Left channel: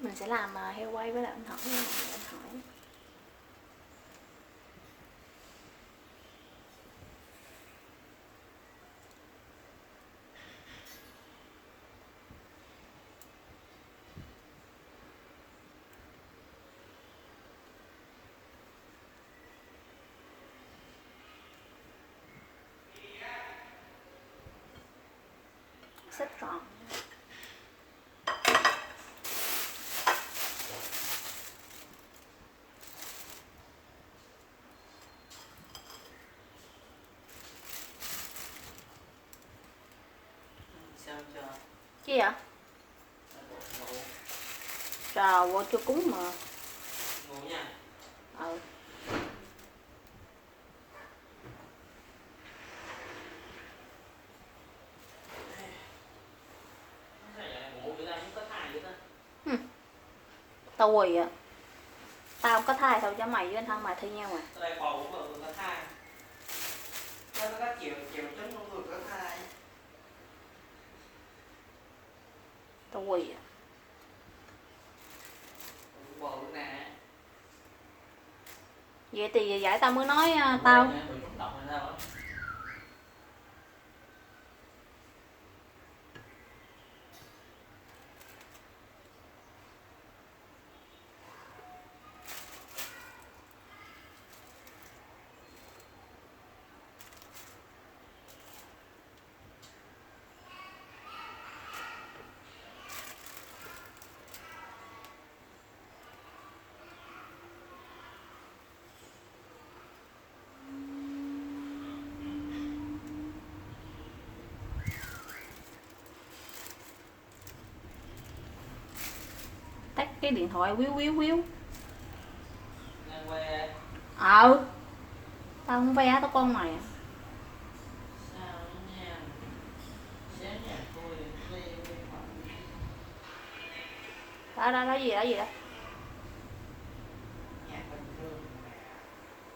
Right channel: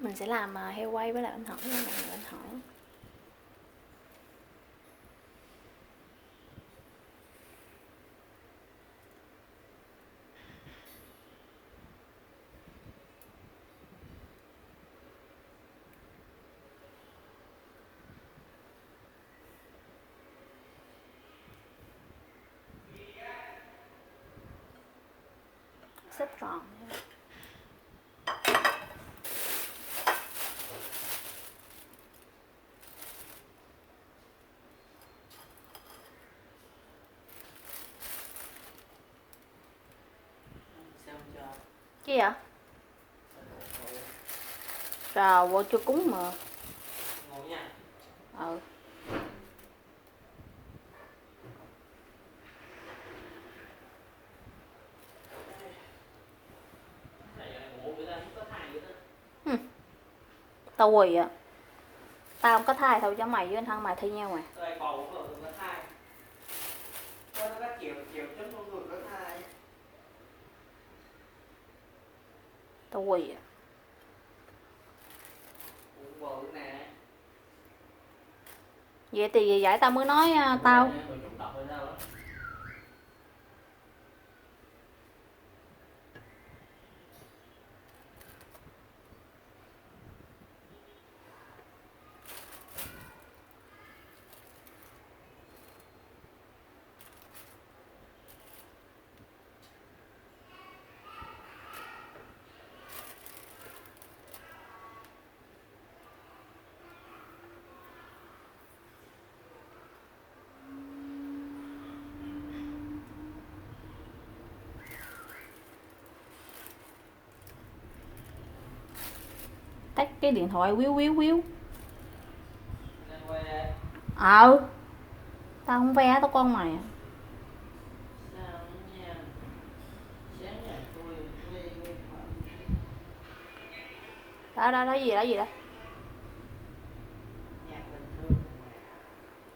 Mình sẽ làm heo quay với lại anh hỏi nha mọi người, anh hỏi. Xếp tròn. Chi vậy? Trà vô chưa cúng mà. Ngủ nha. Ừ. Tao quỳ à. Tao không có thai thôi chứ mày với anh thân mày thi nhau mà. Tao lại còn cũng ở có thai. Tao có các kiểu trong không được có thai. Tao quỳ à. Bầu luôn nè. Vậy thì giải tao mới nói tao. Tắt cái điện thoại quýu quýu quýu. Đang quay đây. Tao không ve tao con mày. Đó gì đó.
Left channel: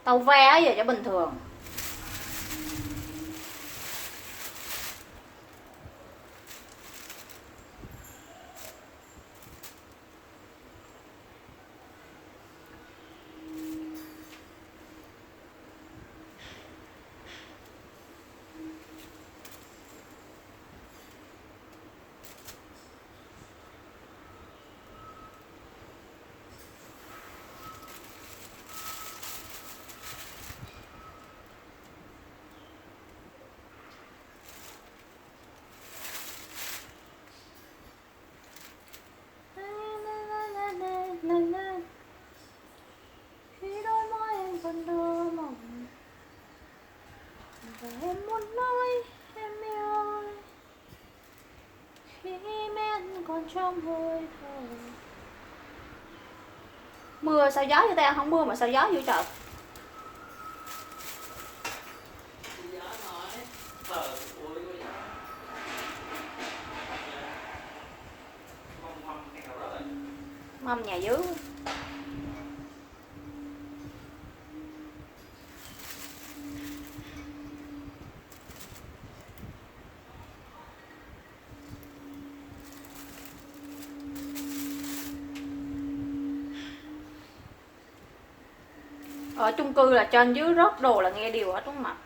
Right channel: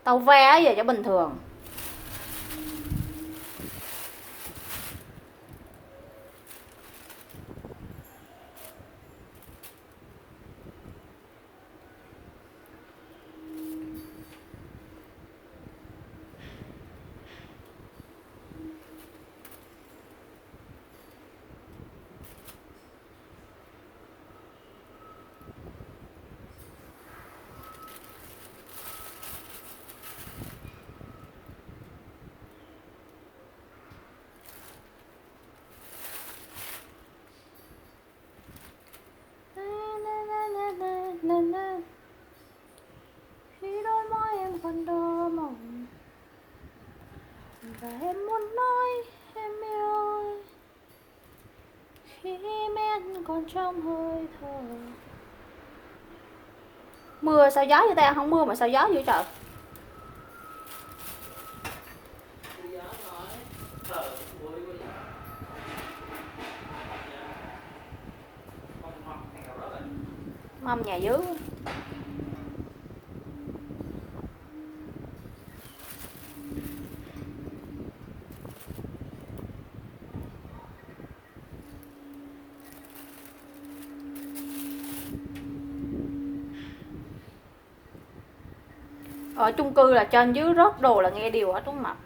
Tao ve giờ cho bình thường. Khi đôi môi em còn đỏ mỏng và em muốn nói em yêu ơi, khi men còn trong hơi thở. Mưa sao gió vậy ta, không mưa mà sao gió dữ trời. Mâm nhà dưới. Ở chung cư là trên dưới rớt đồ là nghe điều hết đúng không ạ?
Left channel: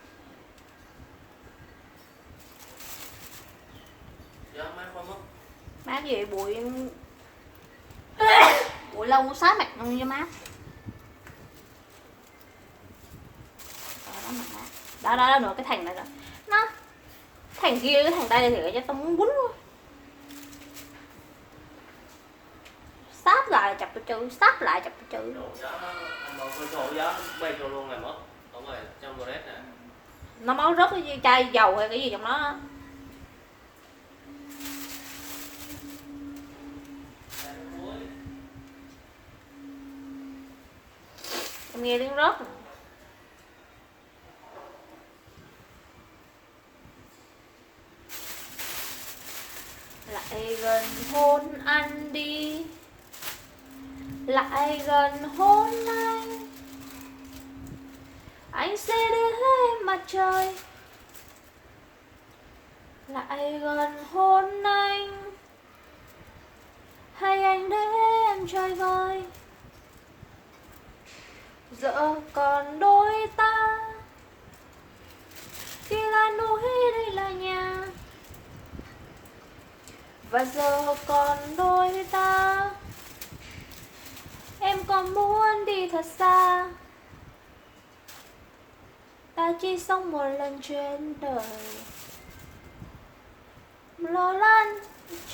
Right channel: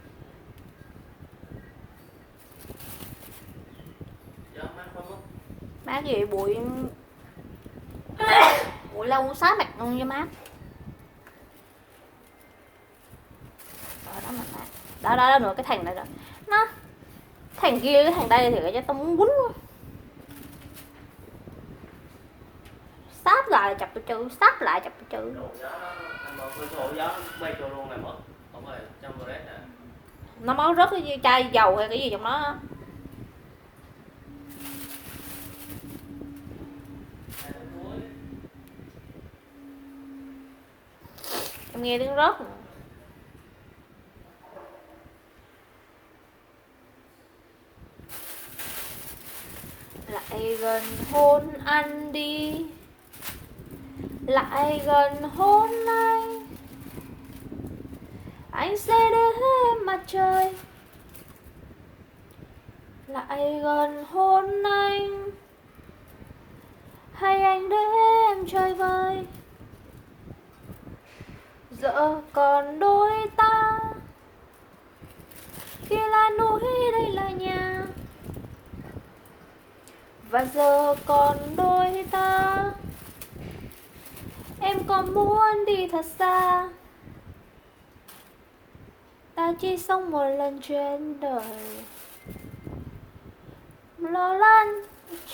Má gì bụi lông xá mặt cho má. Đó nữa cái thằng này đó. Nó thằng kia cái thằng đây thì cho tao muốn quýnh luôn. Sáp lại chặt tao chữ, sáp lại chặt tao chữ. Nó máu rớt cái chai dầu hay cái gì trong đó. Em nghe tiếng rớt rồi. Lại gần hôn anh đi, lại gần hôn anh sẽ để em mặt trời. Lại gần hôn anh, hay anh để em Giờ còn đôi ta, khi là núi đây là nhà. Và giờ còn đôi ta, em còn muốn đi thật xa. Ta chỉ sống một lần trên đời, lo lắng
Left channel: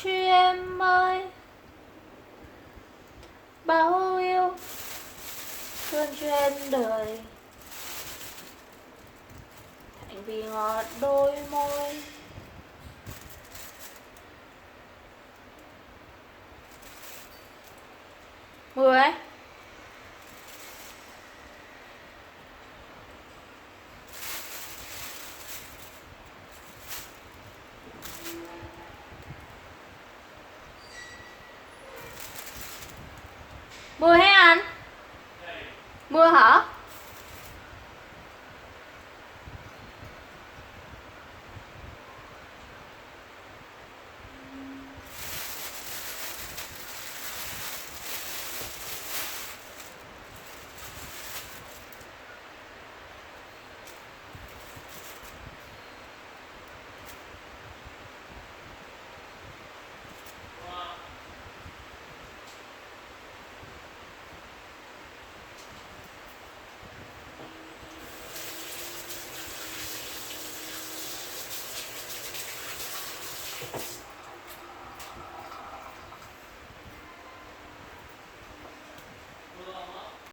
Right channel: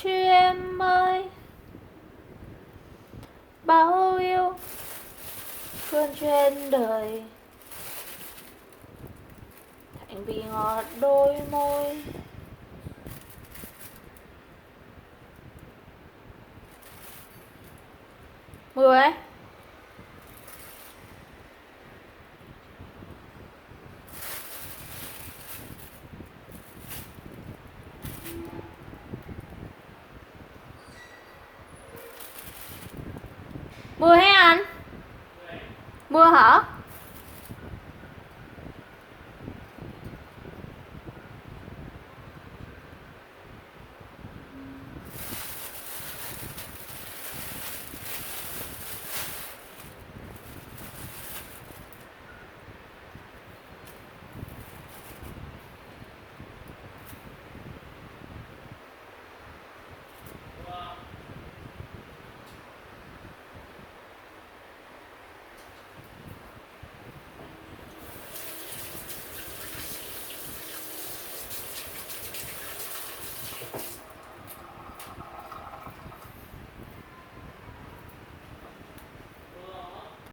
cho em ơi. Bao yêu thương trên đời, thành vì ngọt đôi môi. Mưa ấy. Mưa hả anh? Mưa hả?